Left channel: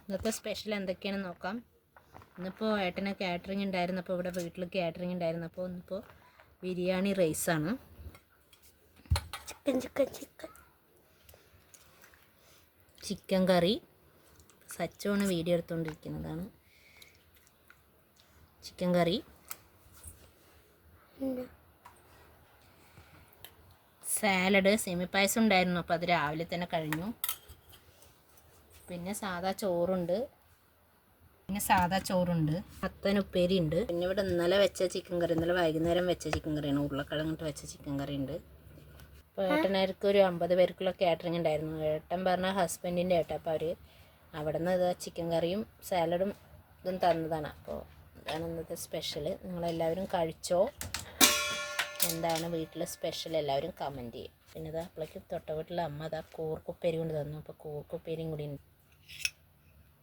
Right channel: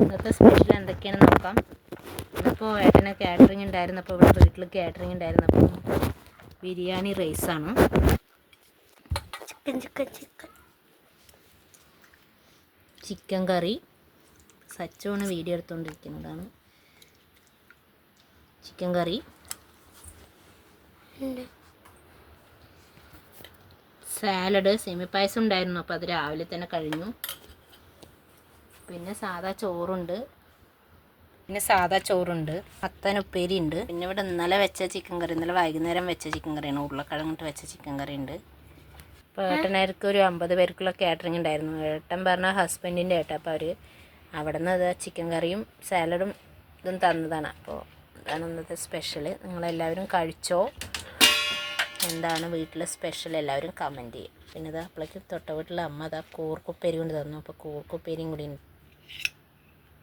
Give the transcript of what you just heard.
ഇന്നത്തെ സ്പെഷ്യൽ എന്തൊക്കെയാണെന്ന് നോക്കാം. ഇതിപ്പോൾ ഏട്ടന് കാറ്ററിംഗ് ഉണ്ടായിരുന്നു. അപ്പോൾ ഇവിടെ വീട്ടിൽ കാറ്ററിംഗ് ഉണ്ടായിരുന്നു. അപ്പോൾ ബിരിയാണി റൈസാണ്. ചിക്കൻ കറി. സച്ചോണ് വീഡിയോ എടുത്തുകൊണ്ടിരിക്കുന്നതാണ്. ചിക്കൻ കറി, സാലഡ്, സെമിപ്പായസം ഉണ്ടായിരുന്നു. അപ്പോൾ അത് രാവിലെ തന്നെ കഴിഞ്ഞു. പിന്നെ സാദാ ചോറുണ്ട്, മത്തൻ ഉപ്പേരി ഉണ്ട്. പിന്നെ ഇവിടെ ഇന്നലെ വെച്ച ചിക്കൻ കറി, ഇന്നലെ വൈകുന്നേരം വെച്ച ചിക്കൻ കറിയാണ്. ഉരുളക്കിഴങ്ങിട്ട് വെച്ച ചിക്കൻ കറി ഉണ്ട്. അപ്പോൾ ഏട്ടനാർക്ക് ഒരു 50 പേർക്കുള്ള കാറ്ററിംഗ് ഉണ്ടായിരുന്നു. ഏട്ടൻ പറഞ്ഞ ഹസ്ബൻഡിൻ്റെ ഏട്ടൻ. അപ്പോൾ അവർ അവിടെ നിന്ന് ഇത് ചിക്കൻ കറിയും സാലഡും ഇതും തന്നതാണ്. അപ്പോൾ അതാണ് ഇന്നത്തെ സ്പെഷ്യൽ. നിങ്ങളെല്ലാവരും കഴിച്ചോ? എന്താണ് വീട്ടിലെ സ്പെഷ്യൽ എല്ലാവരും കമൻറ്റ് ചെയ്യും. പിന്നെ ഇതാ അപ്പോഴേക്കും തൊട്ട വീട്ടിലെ അമ്മ കൂർക്കുപ്പേരി കൊണ്ട് തന്നു. അപ്പോൾ കൂർക്കുപ്പേരിയും കൂടി